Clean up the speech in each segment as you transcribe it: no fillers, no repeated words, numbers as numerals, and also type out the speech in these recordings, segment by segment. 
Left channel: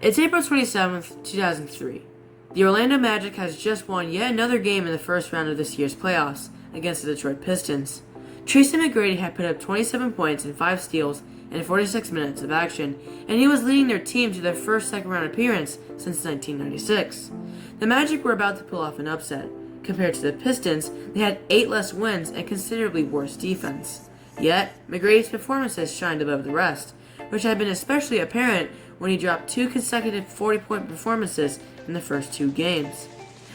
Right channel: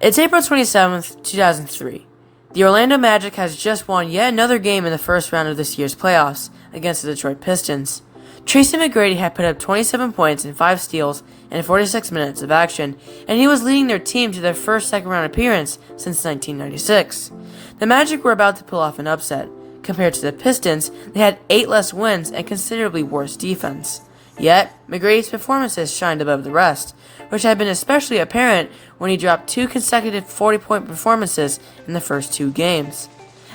It's April 27th, 2003. The Orlando Magic has just won yet another game in the first round of this year's playoffs against the Detroit Pistons. Tracy McGrady had put up 27 points and 5 steals in 46 minutes of action, and he was leading their team to their first second-round appearance since 1996. The Magic were about to pull off an upset. Compared to the Pistons, they had 8 less wins and considerably worse defense. Yet, McGrady's performances shined above the rest, which had been especially apparent when he dropped 2 consecutive 40-point performances in the first 2 games.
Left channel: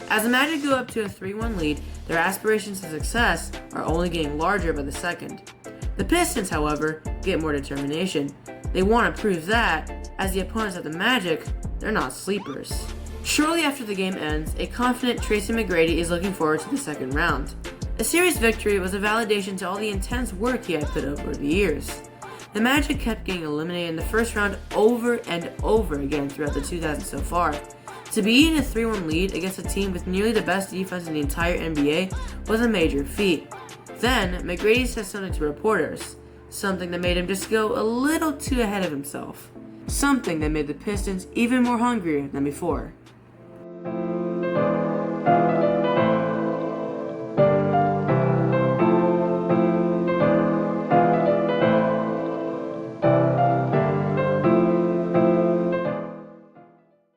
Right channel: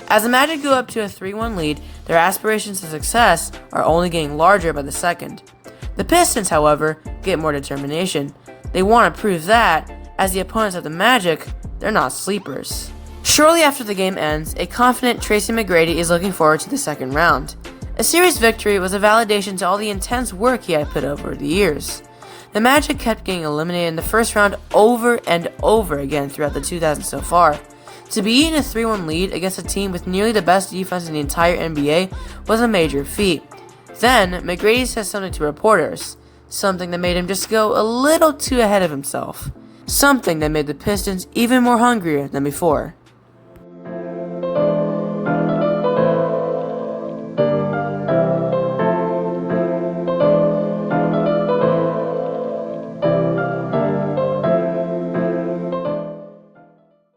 As the Magic go up to a 3-1 lead, their aspirations of success are only getting larger by the second. The Pistons, however, get more determination. They want to prove that, as the opponents of the Magic, they're not sleepers. Shortly after the game ends, a confident Tracy McGrady is looking forward to the second round. A series victory was a validation to all the intense work he had put over the years. The Magic kept getting eliminated in the first round over and over again throughout the 2000s so far. To be eating a 3-1 lead against a team with nearly the best defense in the entire NBA was a major feat. Then, McGrady said something to reporters, something that made him just go a little too ahead of himself. Something that made the Pistons even more hungrier than before.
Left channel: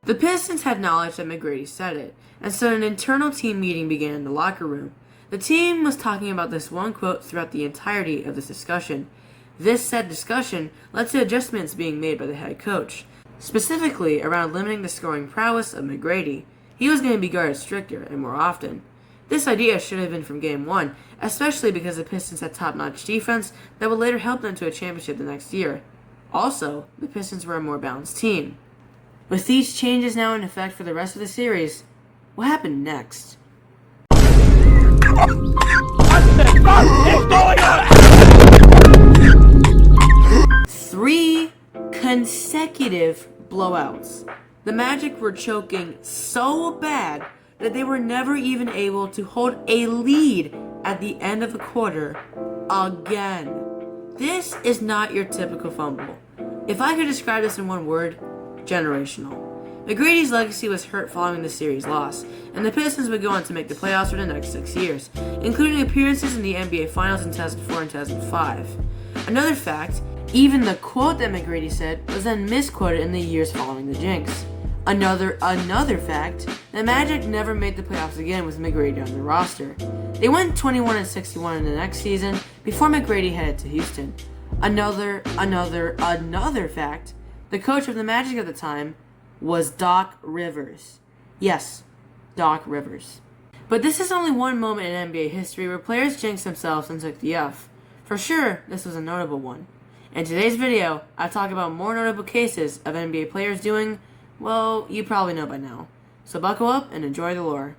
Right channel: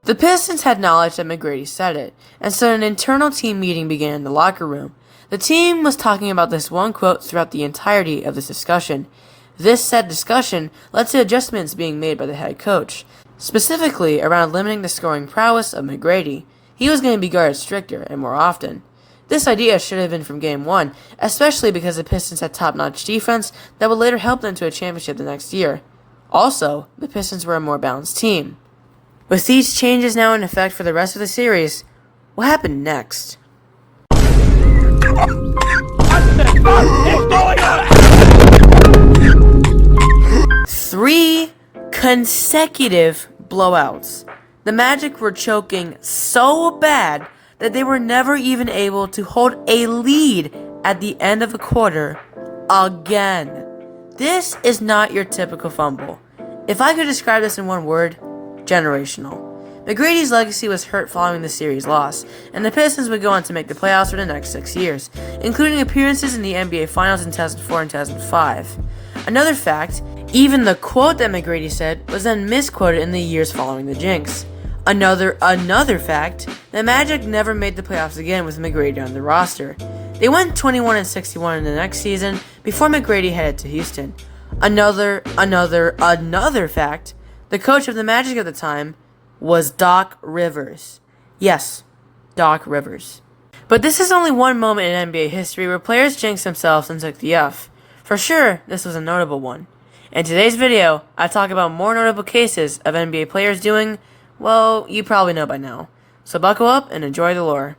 The Pistons had knowledge that McGrady said it, and so an internal team meeting began in the locker room. The team was talking about this one quote throughout the entirety of this discussion. This said discussion led to adjustments being made by the head coach, specifically around limiting the scoring prowess of McGrady. He was going to be guarded stricter and more often. This idea should have been from Game 1, especially because the Pistons had top-notch defense that would later help them to a championship the next year. Also, the Pistons were a more balanced team. With these changes now in effect for the rest of the series, what happened next? What the fuck is going on? 3 consecutive blowouts. The Magic were choking so bad that they were never even able to hold a lead at the end of a quarter again. This is not your typical fumble. If I could describe this in one word, generational. McGrady's legacy was hurt following the series loss, and the Pistons would go on to make the playoffs for the next 6 years, including appearances in the NBA Finals in 2004 and 2005. Another fact, even the quote that McGrady said was then misquoted in the years following the Jinx. Another fact, the Magic never made the playoffs again with McGrady on the roster. They went 21-61 in the next season before McGrady headed to Houston. Another fact, the coach of the Magic at the time was Doc Rivers. Yes, Doc Rivers. But this is only one moment in NBA history where players jinxed themselves and took the F. For sure, this was a notable one. In today's video, I talk about more notable cases of NBA players doing, well, you probably know by now. So buckle up and enjoy the lore.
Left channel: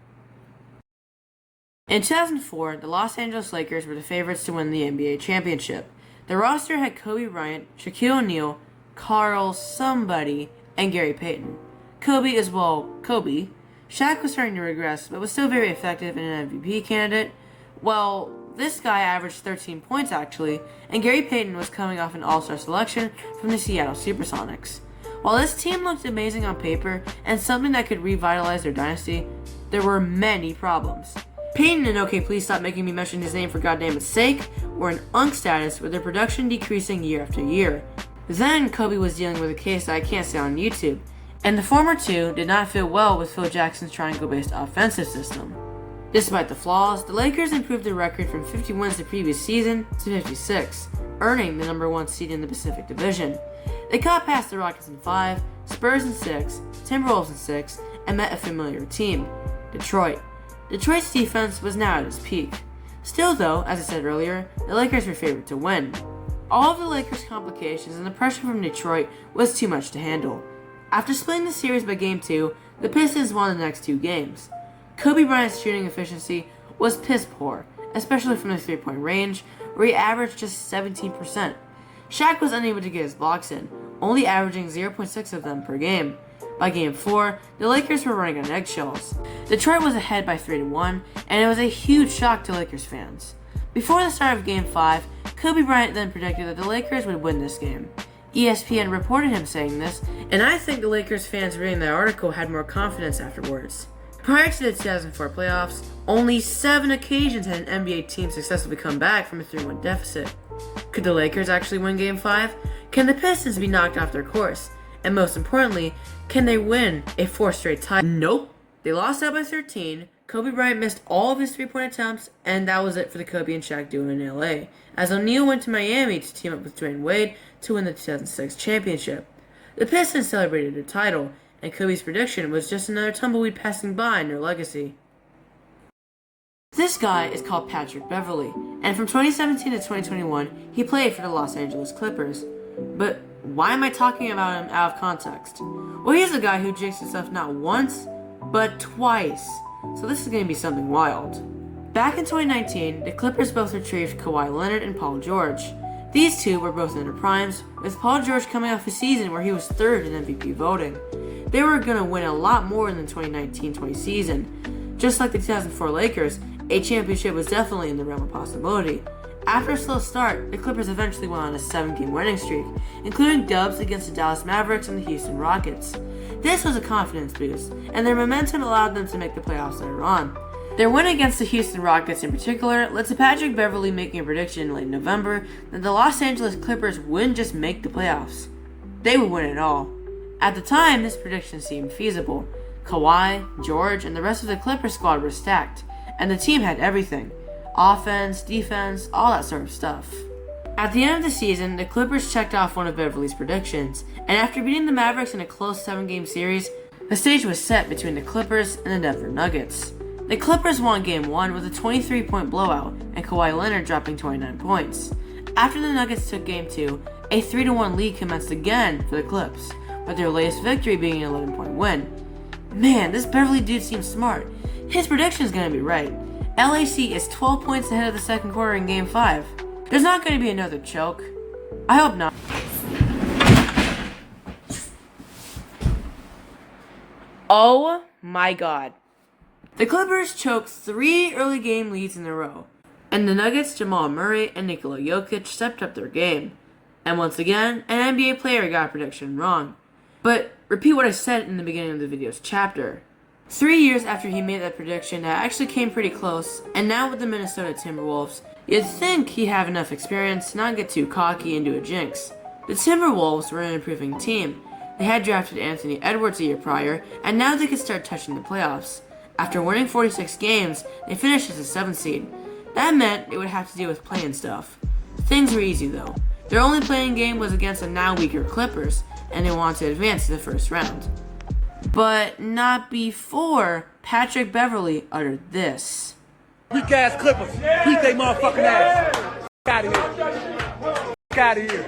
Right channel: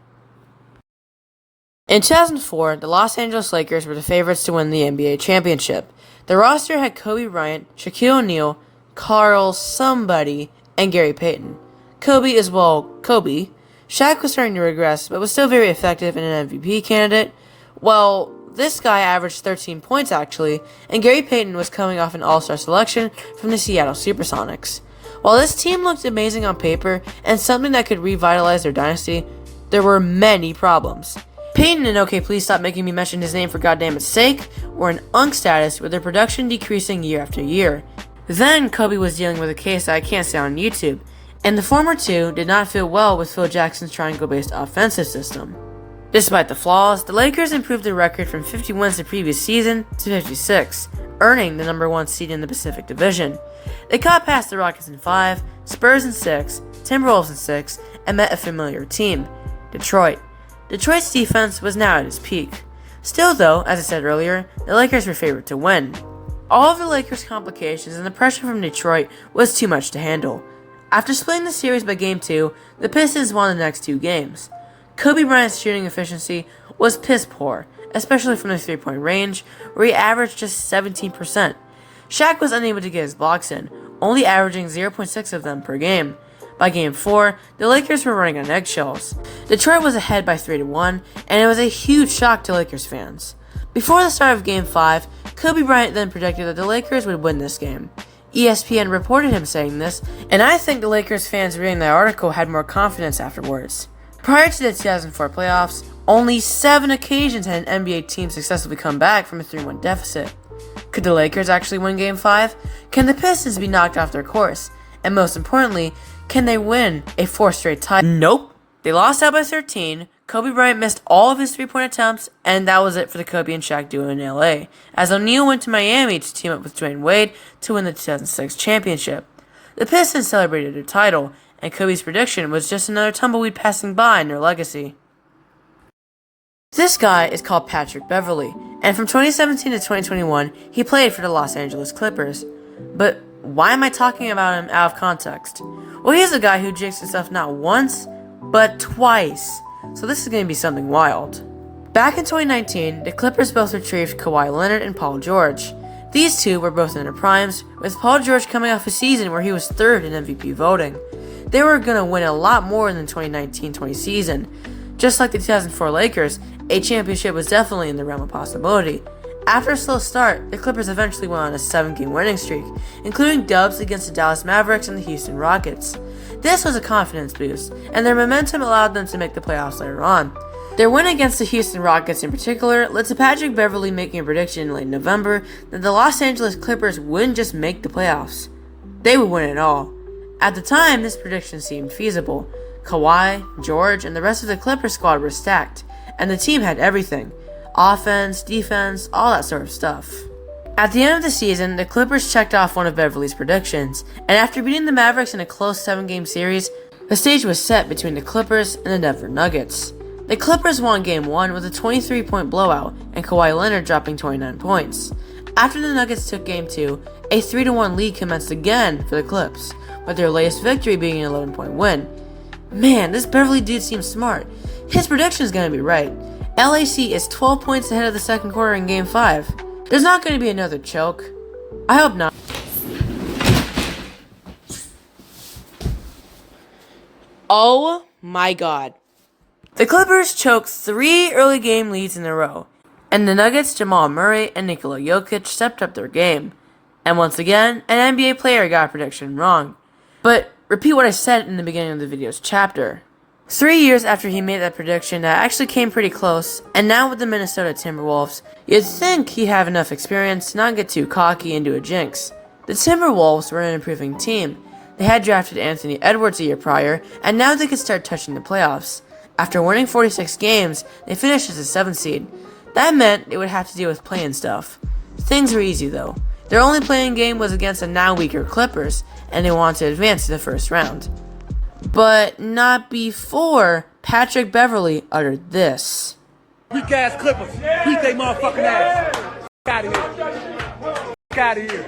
In 2004, the Los Angeles Lakers were the favorites to win the NBA championship. The roster had Kobe Bryant, Shaquille O'Neal, Carl somebody, and Gary Payton. Kobe is, well, Kobe. Shaq was starting to regress, but was still very effective and an MVP candidate. Well, this guy averaged 13 points actually, and Gary Payton was coming off an all-star selection from the Seattle Supersonics. While this team looked amazing on paper and something that could revitalize their dynasty, there were many problems. Payton and OK Please Stop Making Me Mention His Name for Goddammit Sake were in UNC status with their production decreasing year after year. Then Kobe was dealing with a case that I can't say on YouTube, and the former two did not fit well with Phil Jackson's triangle-based offensive system. Despite the flaws, the Lakers improved their record from 50 wins the previous season to 56, earning the number 1 seed in the Pacific Division. They caught past the Rockets in 5, Spurs in 6, Timberwolves in 6, and met a familiar team, Detroit. Detroit's defense was now at its peak. Still though, as I said earlier, the Lakers were favored to win. All of the Lakers' complications and the pressure from Detroit was too much to handle. After splitting the series by Game 2, the Pistons won the next 2 games. Kobe Bryant's shooting efficiency was piss poor, especially from the 3-point range, where he averaged just 17%. Shaq was unable to get his blocks in, only averaging 0.6 of them per game. By Game 4, the Lakers were running on eggshells. Detroit was ahead by 3-1, and it was a huge shock to Lakers fans. Before the start of Game 5, Kobe Bryant then predicted that the Lakers would win this game. ESPN reported him saying this, and I think the Lakers fans reading that article had more confidence afterwards. Prior to the 2004 playoffs, only 7 occasions had an NBA team successfully come back from a 3-1 deficit. Could the Lakers actually win Game 5? Can the Pistons be knocked off their course? And most importantly, can they win a 4th straight title? Nope. They lost out by 13. Kobe Bryant missed all of his 3-point attempts, and that was it for the Kobe and Shaq duo in LA, as O'Neal went to Miami to team up with Dwayne Wade to win the 2006 championship. The Pistons celebrated their title, and Kobe's prediction was just another tumbleweed passing by in their legacy. This guy is called Patrick Beverley, and from 2017 to 2021, he played for the Los Angeles Clippers. But why am I talking about him out of context? Well, he's a guy who jinxed himself not once, but twice. So this is going to be something wild. Back in 2019, the Clippers both retrieved Kawhi Leonard and Paul George. These two were both in their primes, with Paul George coming off a season where he was 3rd in MVP voting. They were going to win a lot more than the 2019-20 season. Just like the 2004 Lakers, a championship was definitely in the realm of possibility. After a slow start, the Clippers eventually went on a 7-game winning streak, including dubs against the Dallas Mavericks and the Houston Rockets. This was a confidence boost, and their momentum allowed them to make the playoffs later on. Their win against the Houston Rockets in particular led to Patrick Beverley making a prediction in late November that the Los Angeles Clippers wouldn't just make the playoffs. They would win it all. At the time, this prediction seemed feasible. Kawhi, George, and the rest of the Clippers squad were stacked, and the team had everything. Offense, defense, all that sort of stuff. At the end of the season, the Clippers checked off one of Beverley's predictions, and after beating the Mavericks in a close 7-game series, the stage was set between the Clippers and the Denver Nuggets. The Clippers won Game 1 with a 23-point blowout, and Kawhi Leonard dropping 29 points. After the Nuggets took Game 2, a 3-1 lead commenced again for the Clips, with their latest victory being an 11-point win. Man, this Beverley dude seems smart. His prediction is going to be right. LAC is 12 points ahead of the second quarter in Game 5. There's not going to be another choke. I hope not. Oh my god. The Clippers choked 3 early game leads in a row, and the Nuggets' Jamal Murray and Nikola Jokic stepped up their game. And once again, an NBA player got a prediction wrong. But repeat what I said in the beginning of the video's chapter. 3 years after he made that prediction, that actually came pretty close, and now with the Minnesota Timberwolves, you'd think he'd have enough experience to not get too cocky and do a jinx. The Timberwolves were an improving team. They had drafted Anthony Edwards a year prior, and now they could start touching the playoffs. After winning 46 games, they finished as a 7th seed. That meant they would have to deal with play-in stuff. Things were easy though. Their only play-in game was against the now weaker Clippers, and they wanted to advance to the first round. But not before Patrick Beverley uttered this. Weak ass Clippers. Beat they motherfucking ass. Out of here. Out of here.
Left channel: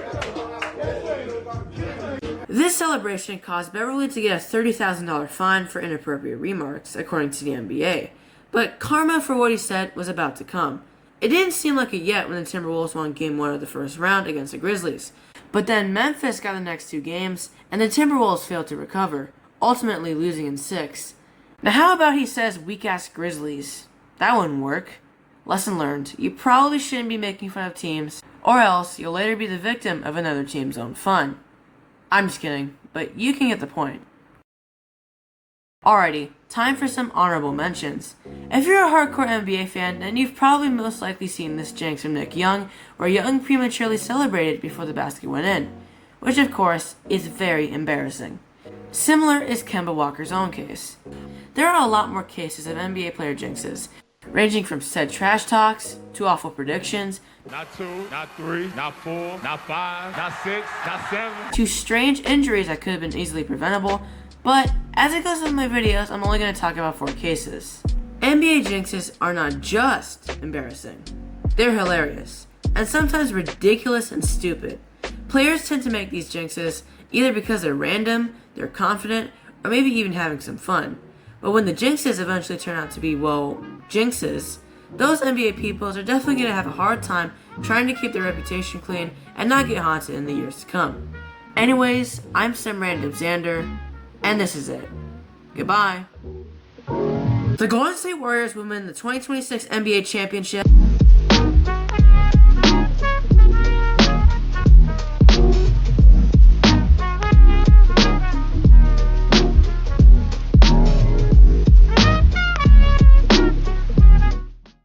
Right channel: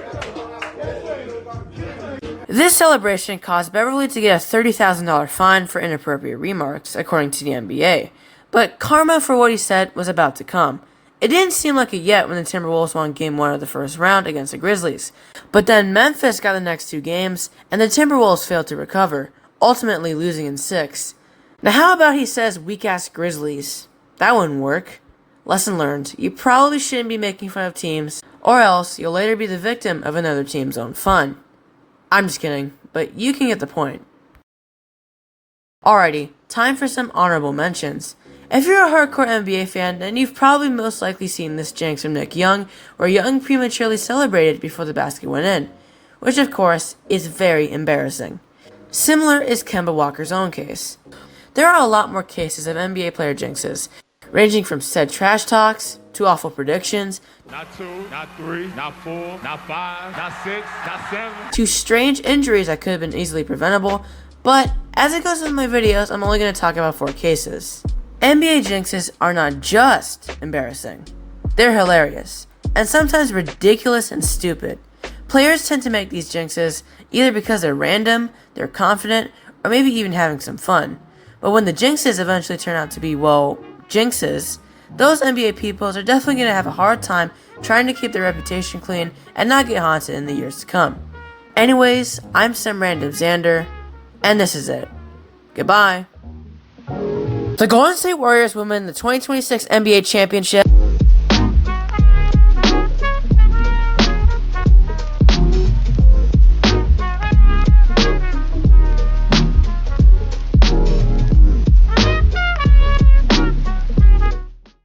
This celebration caused Beverley to get a $30,000 fine for inappropriate remarks, according to the NBA. But karma for what he said was about to come. It didn't seem like it yet when the Timberwolves won Game 1 of the first round against the Grizzlies. But then Memphis got the next 2 games, and the Timberwolves failed to recover, ultimately losing in 6. Now how about he says weak-ass Grizzlies? That wouldn't work. Lesson learned, you probably shouldn't be making fun of teams, or else you'll later be the victim of another team's own fun. I'm just kidding, but you can get the point. Alrighty, time for some honorable mentions. If you're a hardcore NBA fan, then you've probably most likely seen this jinx from Nick Young, where Young prematurely celebrated before the basket went in, which of course is very embarrassing. Similar is Kemba Walker's own case. There are a lot more cases of NBA player jinxes, ranging from said trash talks, to awful predictions, Not 2, not 3, not 4, not 5, not 6, not 7. to strange injuries that could have been easily preventable, but as it goes with my videos, I'm only going to talk about 4 cases. NBA jinxes are not just embarrassing, they're hilarious, and sometimes ridiculous and stupid. Players tend to make these jinxes either because they're random, they're confident, or maybe even having some fun. But when the jinxes eventually turn out to be, well, jinxes, those NBA peoples are definitely going to have a hard time trying to keep their reputation clean and not get haunted in the years to come. Anyways, I'm some random Xander, and this is it. Goodbye. The Golden State Warriors will win the 2026 NBA championship.